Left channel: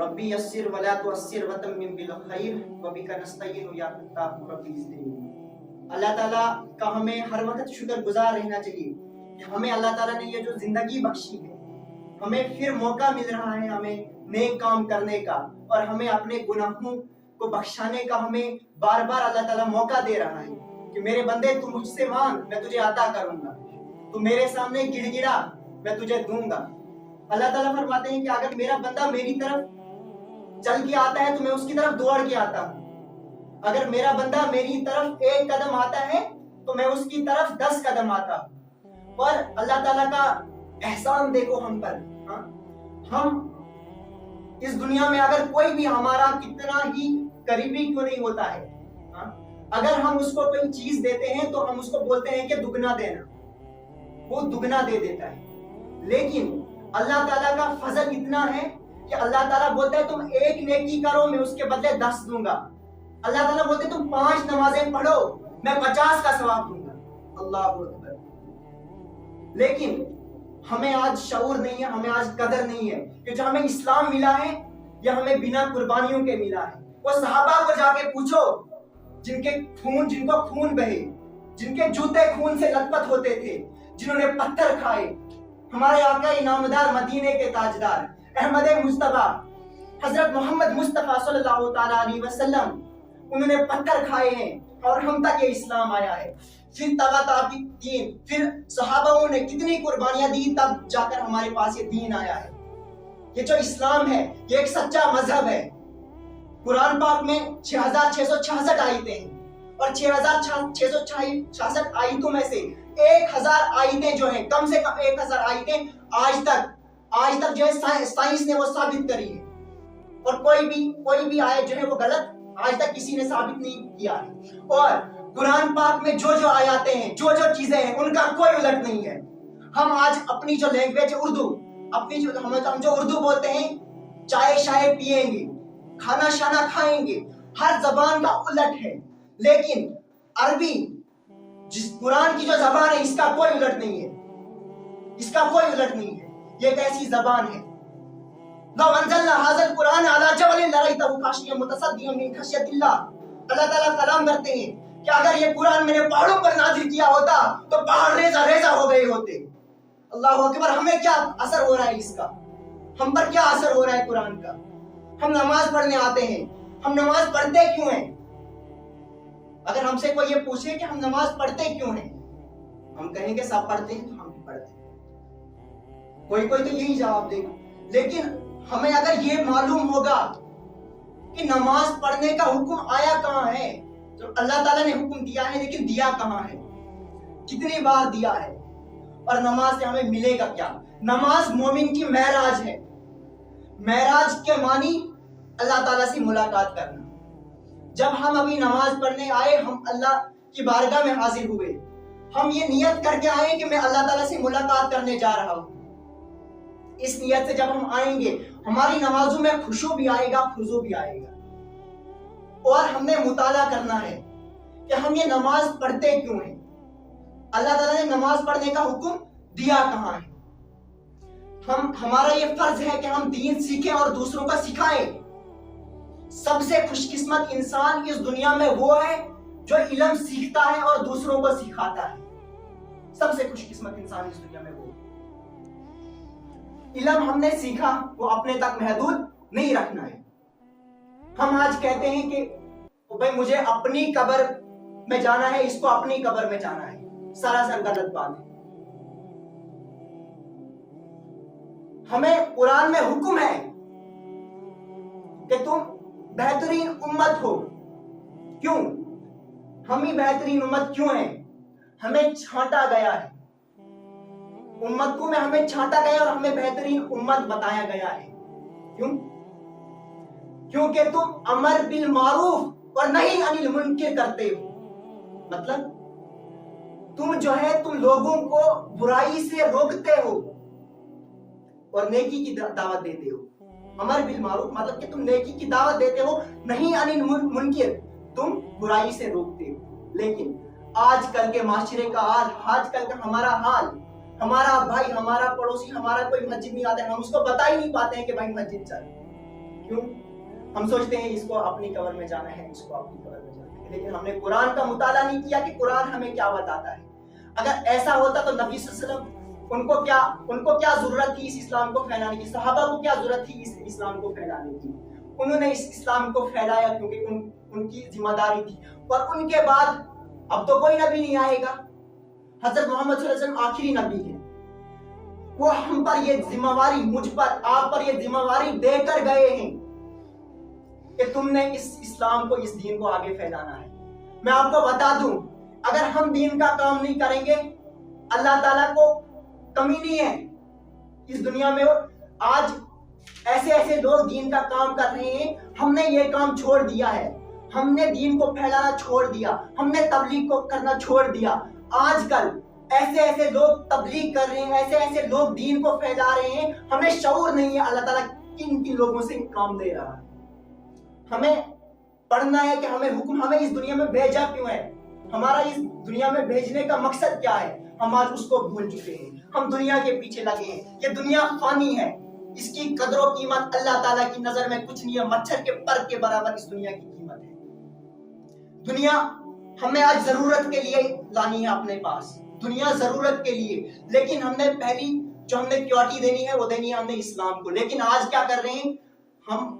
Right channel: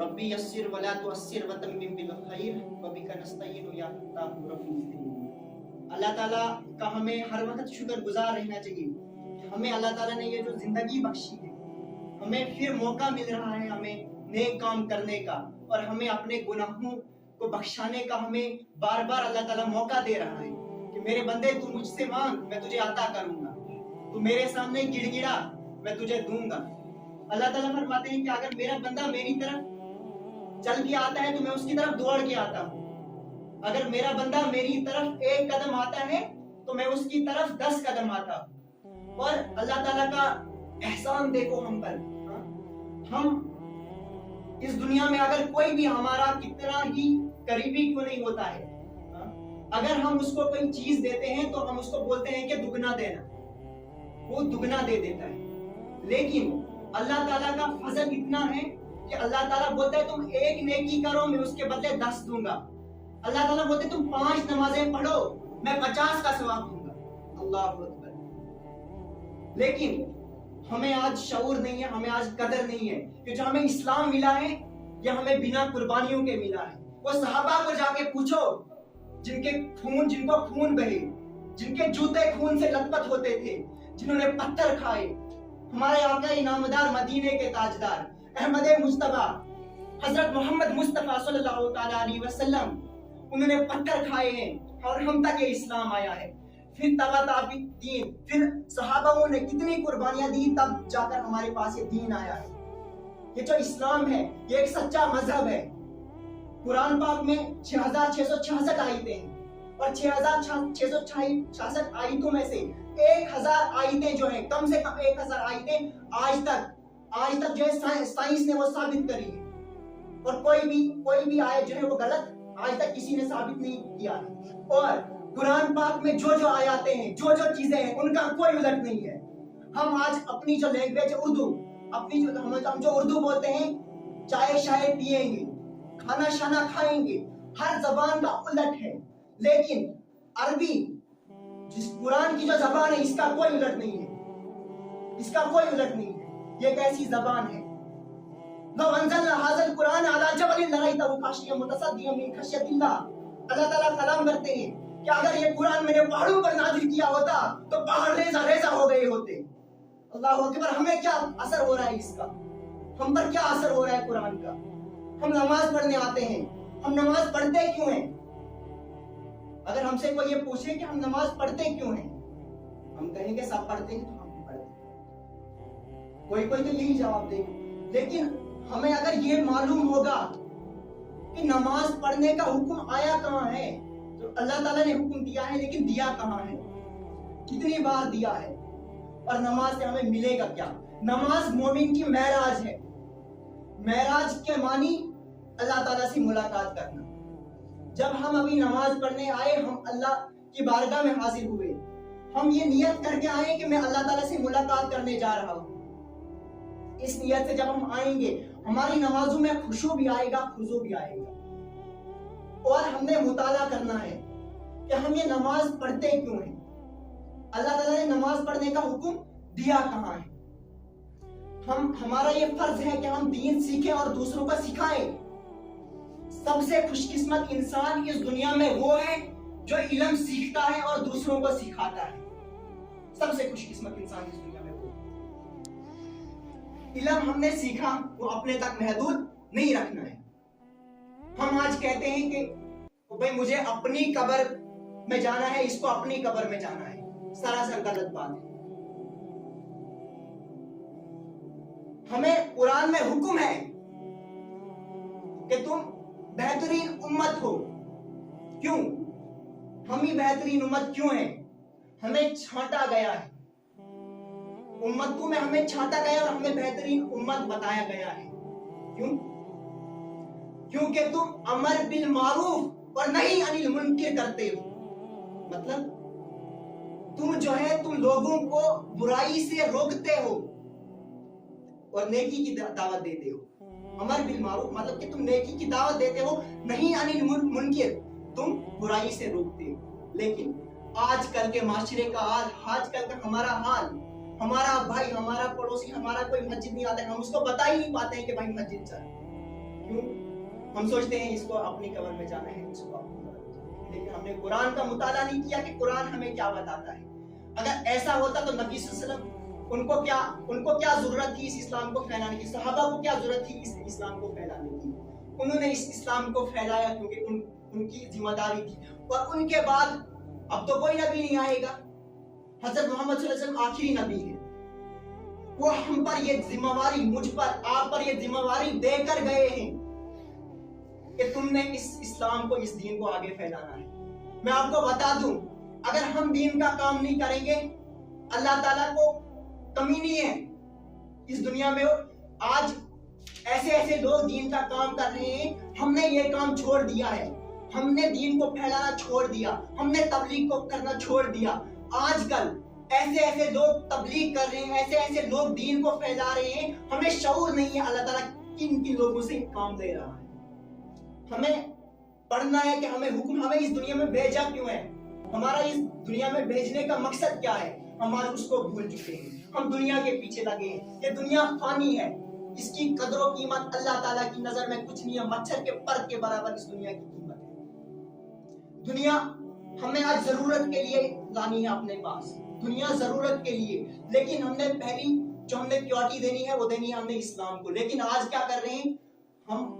ربی یسر ولا تعسر وتمم بالخیر وبک نستعین یا فتاح ربی زدنی۔ اللہ تعالیٰ کا ہمیں ہر وقت شکر گزار رہنا چاہیے کہ ہمیں اللہ تعالیٰ نے یہ جو زندگی بخشی ہے، ہمیں پھر موقع مل رہا ہے ہمیں نیک کام کرنے کا، اور ہمیں اپنے گناہوں کو بخشانے کا ہمیں بار بار اللہ تعالیٰ موقع دے رہا ہے کہ میرے بندے تو مجھ سے مانگ، میں تجھے عطا کروں گا، تو میرے سامنے گڑ گڑا، میں تجھے دوں گا۔ اللہ تعالیٰ فرماتے ہیں کہ اگر میرا بندہ میری طرف چل کے آتا ہے تو میں اس کی طرف دوڑ کے آتا ہوں، اگر میرا بندہ میری طرف ایک قدم آتا ہے تو میں اس کی طرف 10 قدم آتا ہوں۔ اور اللہ تعالیٰ کا احسان دیکھو ہم پر، ہم اس دنیا میں اگر کوئی بھی ہمارا کتنا ہی قریبی کیوں نہیں ہوتا ہے، اگر ہم اس کو کوئی چیز دیتے ہیں تو ہم اس کو بولتے ہیں کہ دگنا دینا، وہ دگنا دے دیتا ہے۔ لیکن اللہ تعالیٰ کا فضل اتنا ہے کہ اللہ تعالیٰ بولتا ہے تم ایک نیکی کرو میں اس کے بدلے 10 دوں گا۔ اللہ تعالیٰ بولتے تم 5 نمازیں پڑھو میں 50 کا ثواب دوں گا۔ اللہ اکبر۔ لیکن ہمیں آج شعور نہیں ہے، ہمیں آج قدر نہیں ہے کہ جو ہمیں اسلام ملا ہے یہ ہمیں بنا قربانیوں کے ملا ہے۔ وہ صحابہ کو جا کے پوچھو جن کو خون بہے، جن کے جوتے خون سے لت پت ہوتے تھے، جنہوں نے پتھر کھائے، ہمارے آقا انعامدار مدینے کے تاجدار احمد مصطفیٰ حضرت محمد مصطفیٰ صلی اللہ تعالیٰ علیہ وسلم، انہوں نے پتھر کھائے ہیں اور ہم تک یہ اسلام آیا ہے۔ پھر تبا تابعین، پھر صحابہ نے کتنی قربانیاں دی تب جا کر ہمارے پاس یہ دین آیا ہے۔ یہ جو اسلام ہے یہ ایک سچا مذہب ہے۔ قرآن پاک میں 6666 آیتیں ہیں، اور 6666 آیتوں میں سے 1000 آیتیں جو ہیں، کم سے کم 1000 آیتیں آج تک جو ہے سائنس نے وہ ثابت کری ہے، اور کوئی بھی آیت جو ہے وہ غلط آج تک کسی نے ثابت نہیں کیا ہے۔ اور قرآن پاک میں جو آیاتیں ہیں، جو چیزیں ہیں، ان کا کوئی الٹ نہیں ہے۔ ہم آج اپنی جو لینگویج اردو، ہم جو اردو بولتے ہیں، چائے شائے پیئیں گے، کھانا شانا کھائیں گے، ہر زبان کا الٹ ہے۔ لیکن عربی جس قرآن کی جو زبان ہے اس کا کوئی الٹ نہیں ہے، اس کا کوئی الٹ نہیں ہے۔ یہ ایک ایسی زبان ہے، لو انزلنا هذا القرآن على جبل لرأيته خاشعا متصدعا من خشية الله۔ اللہ تعالیٰ کلام کرتے ہیں کہ اگر یہ قرآن میں نے پہاڑوں پر نازل کیا ہوتا تو پہاڑ ریزہ ریزہ ہو گئے ہوتے۔ اللہ اکبر۔ ہمیں کیا اثر ہو رہا ہے اس کا؟ ہم پر کیا اثر ہو رہا ہے قرآن کا؟ ہم نماز پڑھنے آتے ہیں، ہم نماز پڑھتے کیوں ہیں؟ اگر ہم سے کوئی یہ پوچھے کہ ہم نماز پڑھتے کیوں ہیں، ہم کہیں گے سب پڑھتے ہیں تو ہم بھی پڑھتے ہیں، کوئی تو یہی جواب دے گا۔ لیکن ہمیں اگر یہ معلوم ہوگا کہ نماز پڑھنے کا حکم آیا کہاں ہے، تو اللہ تعالیٰ نے حکم دیا ہے لیکن دیا کہاں ہے، کتنی بار دیا ہے، اور نماز سے ہمیں ملے گا کیا؟ نماز مومن کی معراج ہے۔ معراج کے معنی اللہ تعالیٰ سے ملاقات کرنا۔ جب ہم ابھی نماز پڑھنے آئے، ہم اللہ کی بارگاہ میں حاضر ہوئے، ہم یہ نیت کر کے آئے کہ میں اللہ تعالیٰ سے ملاقات کرنے جا رہا ہوں۔ اس نیت سے جب ہم آئیں گے ہماری نمازوں میں خشوع بھی آئے گا، خضوع بھی آئے گا، اور ہم نے مطالعہ کرنا ہے کہ ہم یہ نماز پڑھتے کیوں ہیں، اللہ تعالیٰ نے نماز پڑھنے کا حکم دیا کہاں ہے۔ ہمارا یہ فرض ہے کہ ہم دین سیکھیں اور دوسروں کو سکھائیں۔ سب سے خوش قسمت انسان اس دنیا میں وہ ہے جو علم سیکھتا ہے اور دوسروں کو سکھاتا ہے۔ سب سے خوش قسمت انسان اس دنیا میں وہ ہے۔ علم ہم نے سیکھا، وہ اپنے تک محدود نہیں رکھنا ہے۔ ہم آج کہتے ہیں کہ بھائی مجھے اپنی قبر میں جانا ہے، اس کو اپنی قبر میں جانا ہے، سراسر غلط بات ہے۔ ہمیں قرآن میں حکم ہے کہ تم بہترین امت ہو۔ کیوں؟ ہم ہی بہترین امت کیوں ہیں؟ ہمیں چھانٹا گیا ہے، امتوں میں ہمیں چھانٹا گیا اور ہمیں بہترین امت بتایا گیا ہے۔ کیوں؟ کیونکہ تم امر بالمعروف اور نہی عن المنکر کرتے ہو۔ مطلب تم جو ہے تم لوگوں کو برائی سے روکتے ہو اور نیکی کی دعوت دیتے ہو۔ امر بالمعروف مطلب کہ تم نیکی کی دعوت دیتے ہو، نہیں عن المنکر تم برائی سے روکتے ہو۔ لیکن آج کل کے معاشرے کا حال، آج کل کا ہمارا حال، ہمارا بھائی، ہمارا پڑوسی، ہمارا کوئی مسجد نہیں آتا ہے، ہم اس کو بتا ہی نہیں پاتے ہیں کہ بھائی مسجد چل۔ کیوں؟ ہم سوچتے ہیں اس کو اپنی قبر میں جانا ہے، اس کو اپنی قبر میں جانا ہے، لیکن ہم نے قرآن کا مطالعہ نہیں کیا کہ قرآن ہمیں کیا بتاتا ہے۔ اگر ایسا ہوتا تو نبی صلی اللہ علیہ وسلم ان کو کیا ضرورت تھی اس اسلام کو پھیلانے کی؟ صحابہ کو کیا ضرورت تھی اس اسلام کو پھیلانے کی؟ انہوں نے اس اسلام کو پھیلایا کیونکہ ان کی ذمہ داری تھی، اور ان کے بعد اب تو کوئی نبی نہیں آئے گا۔ حضرت محمد صلی اللہ علیہ وسلم آخری نبی ہے، وہ ہم پر یہ ذمہ داری، مجھ پر، آپ پر یہ ذمہ داری دے کر گئے ہیں کہ تم نے اس اسلام کو، اس دین کو آگے پھیلانا ہے۔ میں آپ کو بتا دوں، اگر ہم دین کا کام نہیں کریں گے، اللہ تعالیٰ کو کمی نہیں ہے اس دنیا میں۔ آج ایسے لوگ دین کا کام کر رہے ہیں، ہم نے یہ کام چھوڑ دیا ہے، ہم نے دین کو پھیلانا چھوڑ دیا، ہم نے تبلیغ کو کرنا چھوڑ دیا۔ آج کل ایسے لوگ تبلیغ کر رہے ہیں، ایسے لوگ دین کو پھیلا رہے ہیں، ہمیں شعور نہیں ہے اللہ تعالیٰ کن لوگوں سے کام دے رہا ہے۔ ہمیں پڑھنا ہے کہ ہمیں اس دنیا میں بھیجا کیوں ہے، ہمارا اس دنیا میں بھیجنے کا مقصد کیا ہے۔ ہم آج اس کو بھول چکے ہیں، ہم دنیا کے پیچھے لگے ہیں۔ یہ دنیا فانی ہے، اس کی قدر و قیمت اللہ تعالیٰ کی نظر میں کچھ نہیں ہے، مچھر کے پر کے برابر اس دنیا کی قیمت ہے۔ دنیا ہمیں آج ضرورت کے لیے لانی ہے اپنے پاس، دنیا ضرورت کے لیے، لیکن ہم نے پہلی جو ہم نے پریورٹی دینی ہے وہ دینی ہے ہم نے اسلام کو۔ لیکن آج کیا کر رہے ہیں ہم؟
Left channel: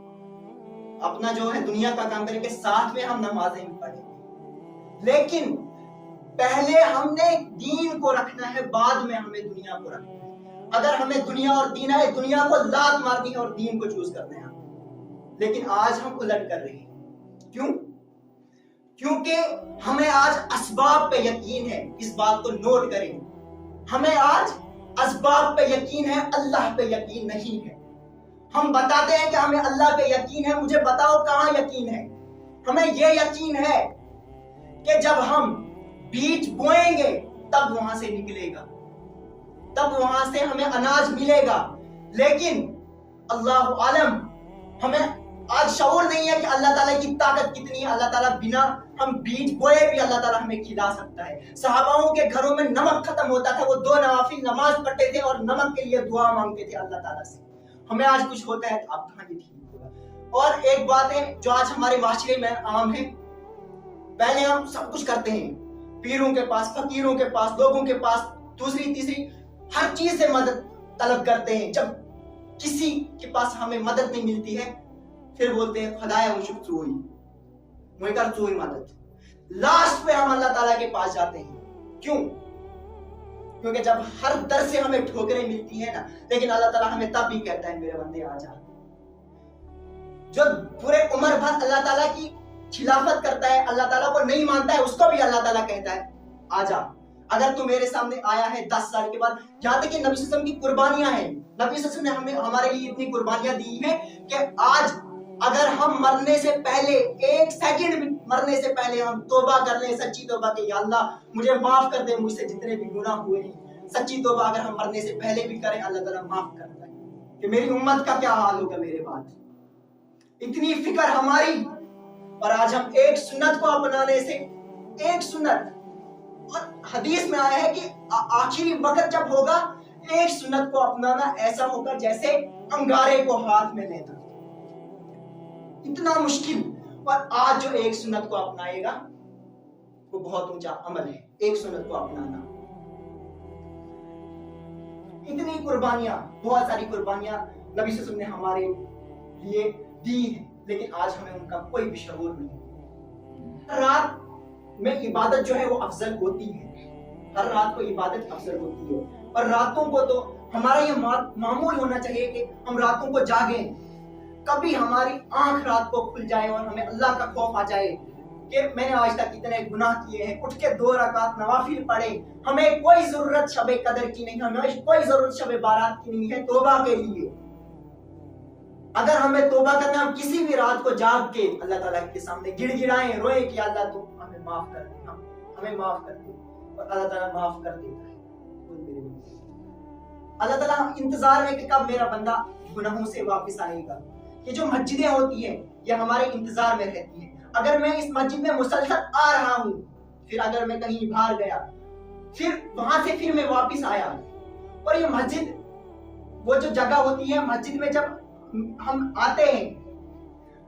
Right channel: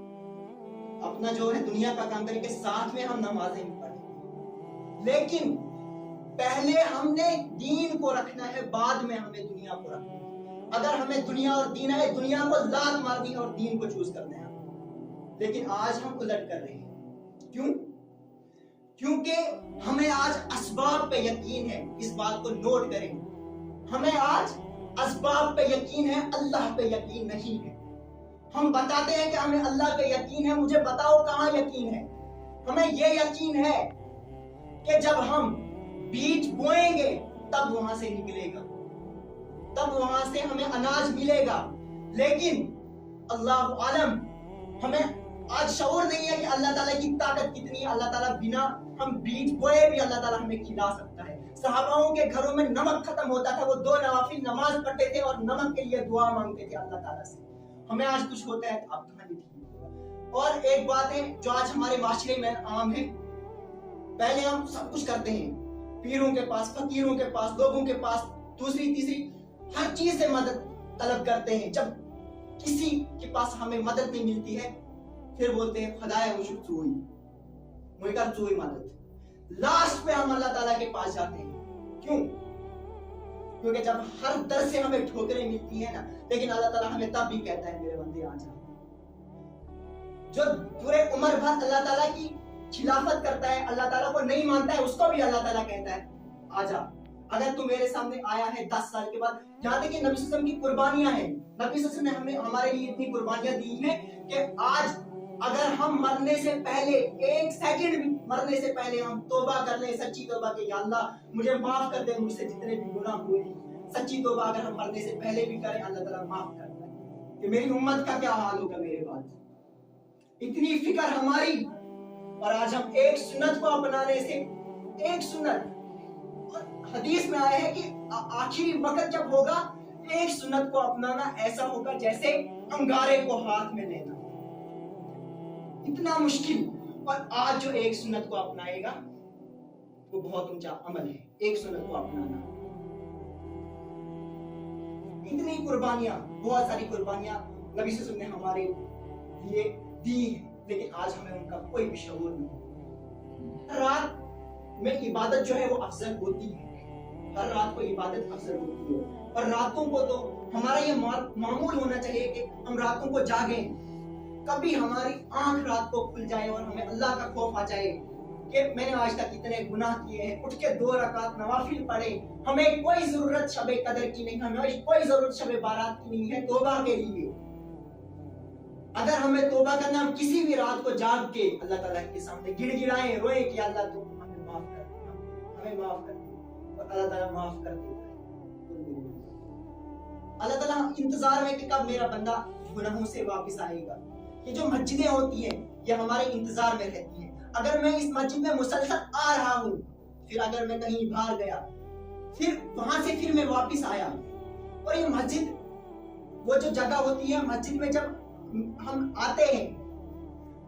اپنا جو ہے دنیا کا کام کریں کے ساتھ میں ہم نمازیں پڑھیں، لیکن پہلے ہم نے دین کو رکھنا ہے، بعد میں ہمیں دنیا کو رکھنا ہے۔ اگر ہمیں دنیا اور دین ہے، دنیا کو لات مارنی ہے اور دین کو چوز کرنا ہے، لیکن آج ہم الٹ کر رہے ہیں۔ کیوں؟ کیونکہ ہمیں آج اسباب پہ یقین ہے، اس بات کو نوٹ کریں، ہمیں آج اسباب پہ یقین ہے، اللہ پہ یقین نہیں ہے۔ ہم بتاتے ہیں کہ ہمیں اللہ پہ یقین ہے، مجھے بتاؤ کہاں یقین ہے؟ ہمیں یہ یقین ہے کہ جب ہم بیج بوئیں گے تب وہاں سے نکلے گا، تب وہاں سے ہمیں اناج ملے گا، لیکن اللہ عالم ہمیں آج شعور نہیں ہے کہ اللہ تعالیٰ کی طاقت کتنی ہے۔ اللہ تعالیٰ بنا ہم بیج بوئے بھی اللہ تعالیٰ ہمیں کھلا سکتا ہے۔ صحاباؤں کے گھروں میں نمک ختم ہوتا تھا، وہ 2 نوافل نماز پڑھتے تھے اور نمک کے لیے دعا مانگتے تھے اللہ تعالیٰ سے۔ ہمیں آج کچھ ہوتا ہے تو آپ کہاں یہ ٹھیک ہوگا؟ اور ایک بات ہے جو آج ہمارے معاشرے میں عام ہے، پہلے ہم سب کچھ کرتے ہیں، پیروں کے پاس، فقیروں کے پاس، لوگوں کے پاس، دوسری تیسری ہر چیز سے مدد طلب کرتے ہیں۔ جب کسی کے پاس ہمیں مدد نہیں ملتی ہے پھر بولتے ہیں خدایا مجھے چوئی مجھے کر چوئی مدد۔ لاسٹ پہ ہم اللہ تعالیٰ کے پاس جاتے ہیں۔ کیوں؟ کیونکہ جب ہر در سے ہمیں ٹھوکریں ملتی ہیں نا، لیکن اللہ تعالیٰ ہمیں تب بھی کہتا ہے میرے بندے آ جا۔ جو پورے عمر بھر اللہ تعالیٰ کی خلافت کرتا ہے، اللہ تعالیٰ کو نہیں مانتا ہے، اس کو بھی اللہ تعالیٰ کہتا ہے آ جا۔ اگر تو میرے سامنے آیا ہے 10 سال کے بعد، یہاں تک کہ نبی صلی اللہ علیہ وسلم کی قربانیاں ہیں، نبی صلی اللہ علیہ وسلم نے ہمیں ہمارے لیے اتنی قربانیاں دی ہیں کہ آج اگر ہم مرنے سے پہلے 1 سیکنڈ بھی مرنے سے پہلے ہم توبہ کر لیں، سچی توبہ کہ یا اللہ مجھے معاف کر دے، مجھ سے جتنے بھی گناہ ہوئے ہیں، سچی توبہ اگر ہم مرنے سے پہلے بھی کریں، اللہ تعالیٰ معاف کرتا ہے کہ میری امت کا کیا حال ہوگا میرے بعد۔ اتنی فکر ہماری، اور آج ہم ایک سنت کو اپنانے سے، ایک سنت، اور حدیث میں آیا ہے کہ آخری وقت جب ہوگا ایک سنت کو اپنانا ایسا ہوگا جیسے انگارے کو ہاتھ میں لینا، اتنا مشکل۔ اور آج جو ایک سنت کو اپنائے گا وہ بہت اونچا عمل ہے، ایک سنت کو اپنانا۔ اتنی قربانیاں، بہت ساری قربانیاں نبی صلی اللہ علیہ وسلم نے ہمارے لیے دی ہیں، لیکن آج ہمیں ان کا کوئی بھی شعور نہیں۔ ہر رات میں عبادت جو ہے وہ افضل ہوتی ہے، ہر رات کو عبادت افضل ہوتی ہے، اور راتوں کو تو ہمارا یہ معمول ہونا چاہیے کہ ہم راتوں کو جاگیں، کبھی ہماری آنکھ رات کو کھل جائے اور ہمیں اللہ کا خوف آ جائے کہ میں نے آج تک اتنے گناہ کیے ہیں، اٹھ کے 2 رکعت نوافل پڑھے، ہمیں کوئی ضرورت شب قدر کی نہیں، ہمیں کوئی ضرورت شب بارات کی نہیں ہے توبہ کے لیے۔ اگر ہمیں توبہ کرنا، ہم کسی بھی رات کو جاگ کے اللہ تعالیٰ کے سامنے گڑ گڑائیں، روئیں کہ اللہ تو ہمیں معاف کر دے، ہمیں معاف کر دے، اور اللہ تعالیٰ معاف کر دیتا ہے۔ اللہ تعالیٰ انتظار میں کہ کب میرا بندہ گناہوں سے واپس آئے گا۔ یہ جو مسجدیں ہوتی ہیں یہ ہمارے انتظار میں رہتی ہیں۔ اگر میں اس مسجد میں مسلسل آ رہا ہوں، پھر اگر میں کہیں باہر گیا، پھر وہاں سے پھر میں واپس آیا، اور یہ مسجد وہ جو جگہ ہوتی ہے، مسجد میں جب ہم آتے ہیں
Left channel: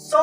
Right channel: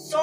100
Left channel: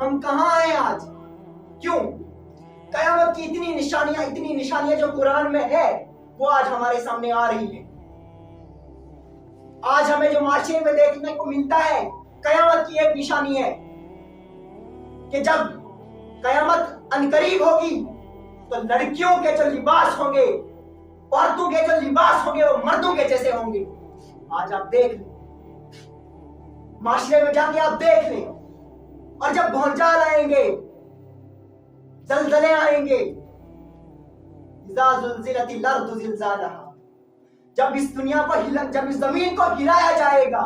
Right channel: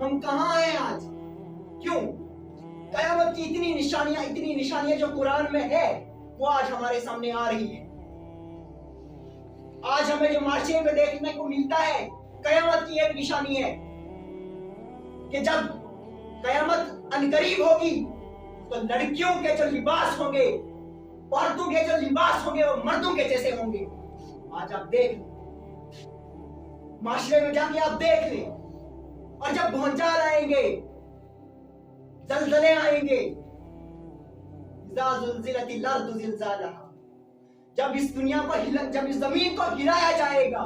ہم کہاں آئے آج؟ کیوں؟ قیامت کی اتنی نشانیاں جو قرآن میں ہے وہ آج ہمارے سامنے آ رہی ہے. آج ہمیں جو معاشرے میں دیکھنے کو ملتا ہے قیامت کی ایک نشانی ہے کہ جب قیامت عنقریب ہوگی تو لڑکیوں کے جو لباس ہوں گے، عورتوں کے جو لباس ہوں گے وہ مردوں کے جیسے ہوں گے. آج آپ دیکھ لیں، معاشرے میں جا کے آپ دیکھ لیں. اور جب بھونچال آئیں گے، زلزلے آئیں گے، اذا زلزلت الارض زلزالها، جب اس دنیا کو جب اس زمین کو گرایا جائے گا،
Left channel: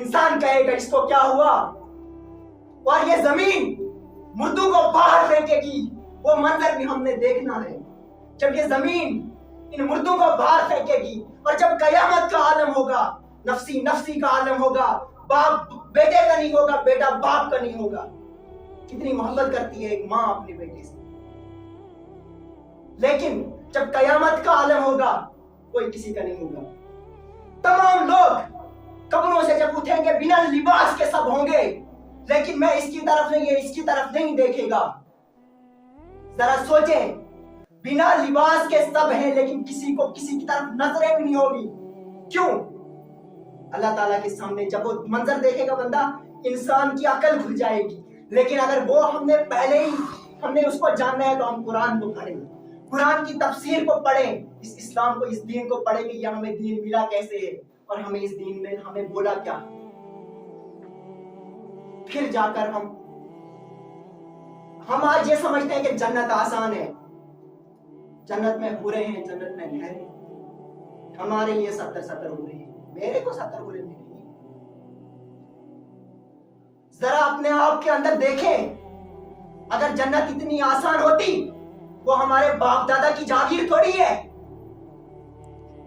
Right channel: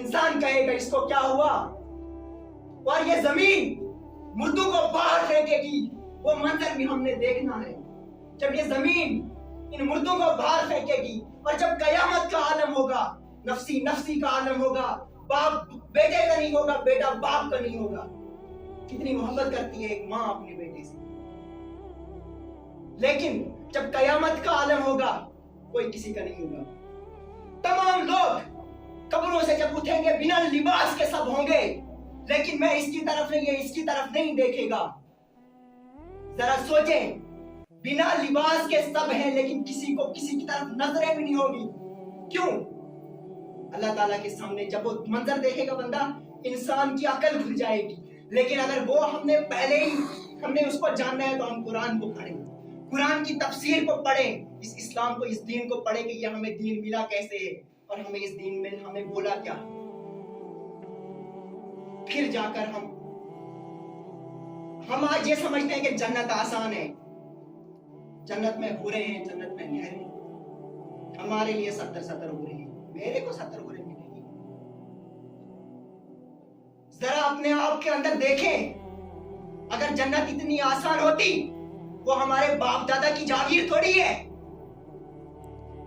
انسان کہے گا اس کو کیا ہوا؟ اور یہ زمین مردوں کو باہر پھینکے گی. وہ منظر بھی ہم نے دیکھنا ہے جب یہ زمین ان مردوں کو باہر پھینکے گی. اور جب قیامت کا عالم ہوگا، نفسی نفسی کا عالم ہوگا، باپ بیٹے کا نہیں ہوگا، بیٹا باپ کا نہیں ہوگا. کتنی محبت کرتی ہے ایک ماں اپنے بیٹے سے، لیکن جب قیامت کا عالم ہوگا کوئی کسی کا نہیں ہوگا. تمام لوگ قبروں سے جب اٹھیں گے بنا لباس کے سب ہوں گے، لیکن میں اس کی طرف نہیں، یہ اس کی طرف نہیں دیکھے گا. ذرا سوچیں، بنا لباس کے سب ہیں لیکن کسی کو کسی کی طرف نظریں بھی نہیں ہوگی. کیوں؟ اللہ تعالیٰ کے سامنے جب وہ منظر دیکھے گا بندہ، انسان کی عقل کھل جائے گی. لیکن اگر وہ ہم نے اس کو جاننا ہے تو ہم قرآن کو پڑھیں، قرآن کی تفسیر کو پڑھیں، اس اسلام کو، اس دین کو پڑھیں کہ یہ ہمیں دین ملا کیسے ہے اور ہمیں اس دین میں ہمیں بولا کیا. پھر جا کر ہم آج یہ سمجھتے ہیں کہ جنت آسان ہے، جنت میں حوریں ہیں، جنت میں نہریں. ہمارے لیے 70 حوریں ہیں، میرے کو 70 حوریں ملیں گی. ذرا اپنے آپ کے اندر دیکھیں، اگر جنت اتنی آسان ہوتی وہ ہمارے باپ دادا کی جاگیر تھوڑی ہے.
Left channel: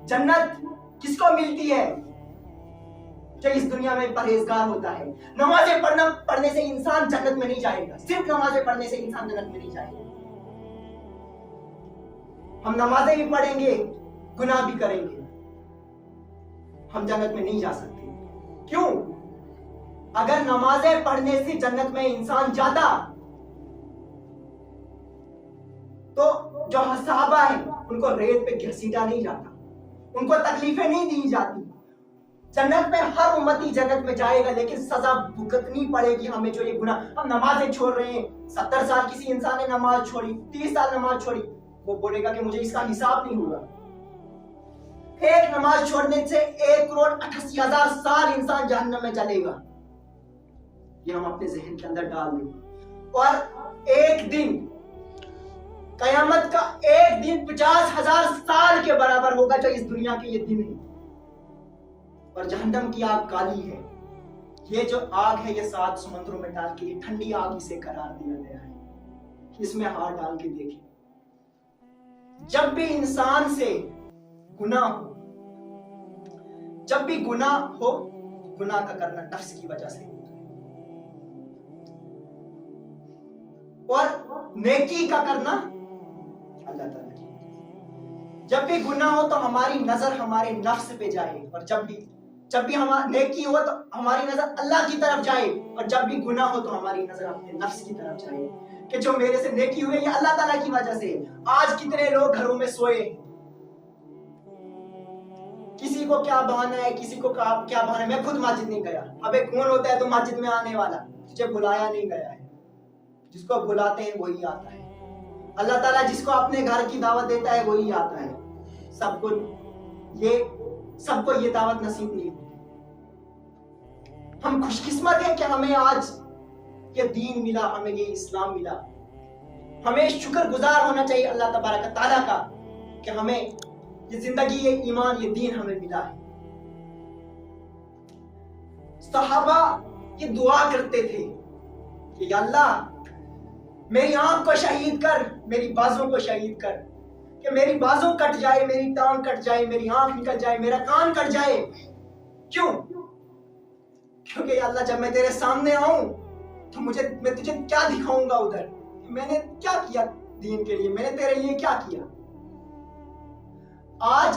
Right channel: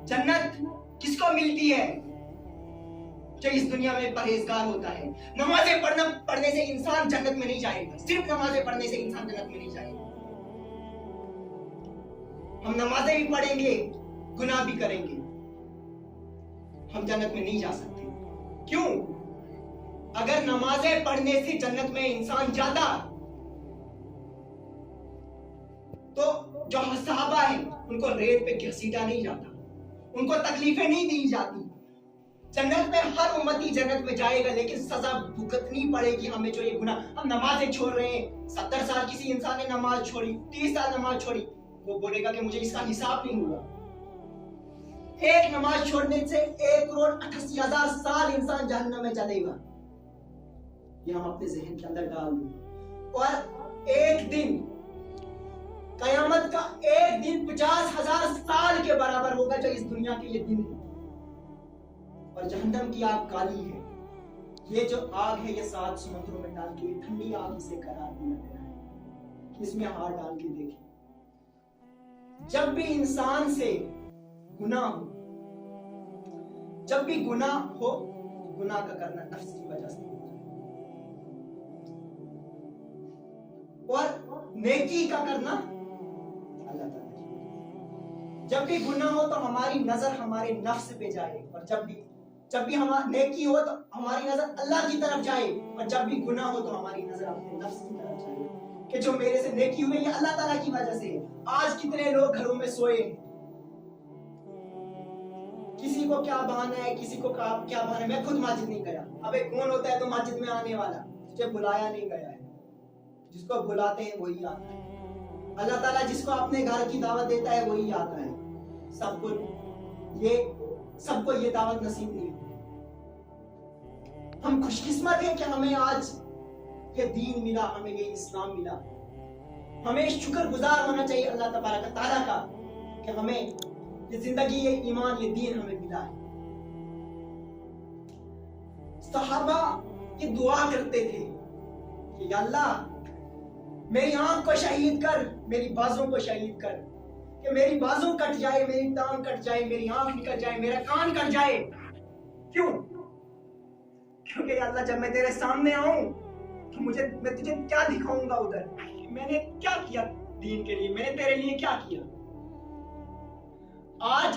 جنت کس کو ملتی ہے؟ جو اس دنیا میں پرہیزگار ہوتا ہے. نمازیں پڑھنے سے انسان جنت میں نہیں جائے گا، صرف نمازیں پڑھنے سے انسان جنت میں نہیں جائے گا. ہم نمازیں بھی پڑھیں گے، گناہ بھی کریں گے، ہم جنت میں نہیں جا سکتے. کیوں؟ اگر نمازیں پڑھنے سے جنت میں انسان جاتا تو جو صحابہ ہیں ان کو ریت پہ گھسیٹا نہیں جاتا، ان کو تکلیفیں نہیں دی جاتی. جنت میں ہر امتی جنت میں جائے گا، لیکن سزا بھگتنی پڑے گی ہمیں جو یہ گناہ. ہم نمازیں چھوڑ رہے ہیں، 70 سال کسی انسان نے نماز چھوڑی، 30 سال نماز چھوڑی، وہ بولے گا کہ مجھے اس کا حساب نہیں ہوا. ایک نماز چھوڑنے سے 1,88,000 سال انسان جہنم میں چلے گا. یہ ہم اپنے ذہن کے اندر ڈال دیں. اور ایک دن قیامت کا ایک دن 50,000 سال کے برابر ہوگا جو اس دنیا کے یہ دن ہے. اور جہنم کی آگ کالی ہے. یہ جو آگ ہے یہ 7 سمندروں میں ڈال کے یہ ٹھنڈی آگ اسے قرار دیا گیا ہے. اس میں ہاتھ ڈال کے دیکھیں، جب بھی انسان سے گناہ ہو، جب بھی گناہ ہو، گناہ کا کرنا نفس کی وجہ سے ہوتا ہے، اور نیکی کا کرنا اللہ تعالیٰ کی. جب بھی گناہ ہو تو ہماری نظر ہمارے نفس پہ جائے، اور جب بھی ہماری نیکی ہو تو ہماری نظر اللہ کی طرف جائے، اور جب بھی گناہ ہو تو ہماری نظر اپنے نفس کی طرف جائے کہ جو میرے سے نیکی ہوئی یہ اللہ تعالیٰ کی وجہ سے. آج کتنے لوگ گھروں میں سوئے، کسی کو کیا بہانا ہے، کسی کو کیا بہانا ہے، میں خود مسجد نہیں گیا. ابے کون ہوتا ہے تو مسجد میں آنے والا؟ تجھے بلایا نہیں گیا ہے، جس کو بلاتے ہیں وہی آتا ہے. اللہ تعالیٰ جس کو اپنے گھر کی دعوت دیتا ہے وہی آتا ہے. سب کو یہ دعوت نصیب نہیں ہوتی. ہم خوش قسمت ہیں کہ ہمیں آج یہ دین ملا، ہمیں یہ اسلام ملا. ہمیں شکر گزار ہونا چاہیے اللہ تبارک تعالیٰ کا کہ ہمیں یہ زندگی، یہ ایمان، یہ دین ہمیں ملا ہے. صحابہ یہ دعا کرتے تھے کہ یا اللہ میری آنکھ کو شہید کر، میری بازوں کو شہید کر، کہ میری بازوں کٹ جائے، میری ٹانگ کٹ جائے، میری آنکھ نکل جائے، میرا کان کٹ جائے. کیوں؟ کیونکہ یا اللہ جب میں تیرے سامنے آؤں تو میں تجھے کیا دکھاؤں گا ادھر، میں نے کیا کیا دین کے لیے، میں نے تیرے لیے کیا کیا. آج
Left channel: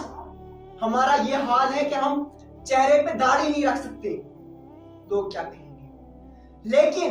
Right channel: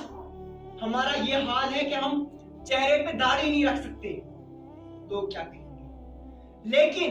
ہمارا یہ حال ہے کہ ہم چہرے پہ داڑھی نہیں رکھ سکتے، لوگ کیا کہیں گے. لیکن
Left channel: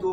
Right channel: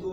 2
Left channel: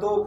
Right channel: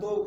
2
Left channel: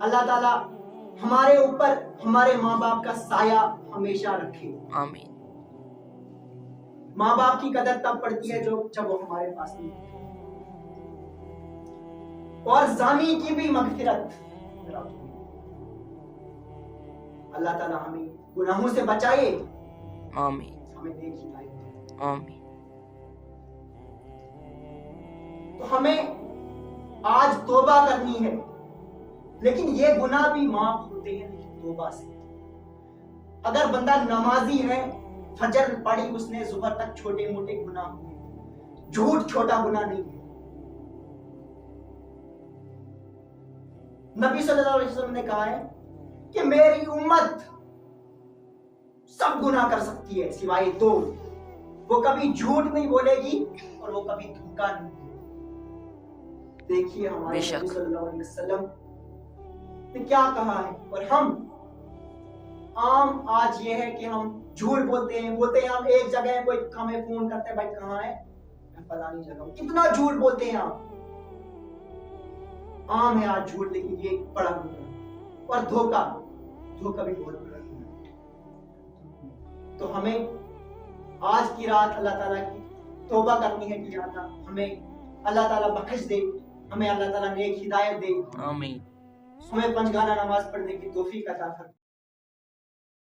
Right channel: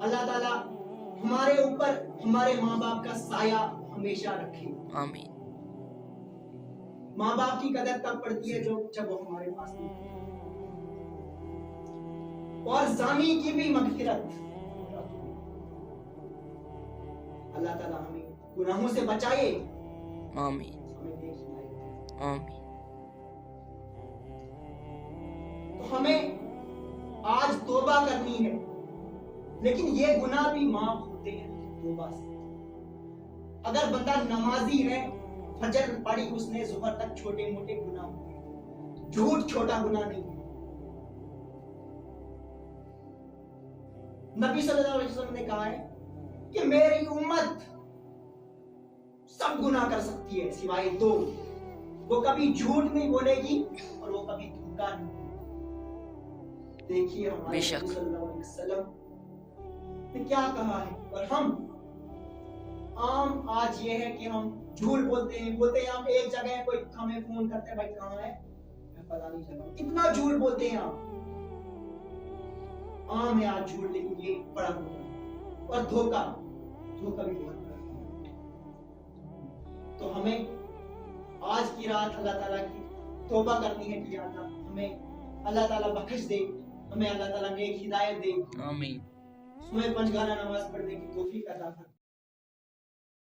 اللہ تعالیٰ ہمارے اوپر ہمارے ماں باپ کا سایہ ہمیشہ رکھے. آمین. ماں باپ کی قدر تب پڑتی ہے جب وہ ہمارے پاس نہیں ہوتے. اور زانی کی بھی مغفرت. اللہ تعالیٰ ہمیں گناہوں سے بچائے. آمین. ہمیں نیک ہدایت دے. آمین. تو ہمیں آج توبہ کرنی ہے، لیکن یہ گناہ بھی معاف ہوتے ہیں توبہ سے. اگر بندہ نمازی ہے، فجر پڑھی اس نے، ظہر تک چھوٹے موٹے گناہ ہوئے، جھوٹ چھوٹا گناہ نہیں ہے. نبی صلی اللہ علیہ وسلم نے کہا ہے کہ میری امت سب گناہ کر سکتی ہے سوائے دو. وہ کبھی جھوٹ نہیں بولے گی اور وہ کبھی دھوکا نہیں. دیکھیے ہمارے نبی صلی اللہ علیہ وسلم نے کیا کہا ہے. اور ہم عام آج یہ ہے کہ ہم جھوٹ بولتے ہیں ہم ایک جگہ ہیں، کوئی ہمیں فون کرتے ہیں بھائی کہاں ہے، میں فلانی جگہ ہوں. کتنا جھوٹ بولتے ہیں آپ. عام ہے آج جھوٹ، لیکن یہ بڑا گناہ ہے. اور دھوکا بھی بہت بڑا گناہ ہے. تو ہمیں آج کی رات اللہ تعالیٰ کی توبہ کرنی ہے کہ ہمیں اللہ تعالیٰ بخش دے، ہمیں اللہ تعالیٰ نیک ہدایت دے. آمین. ہمیں پنجگانہ نماز پڑھنے کی توفیق عطا فرمائے.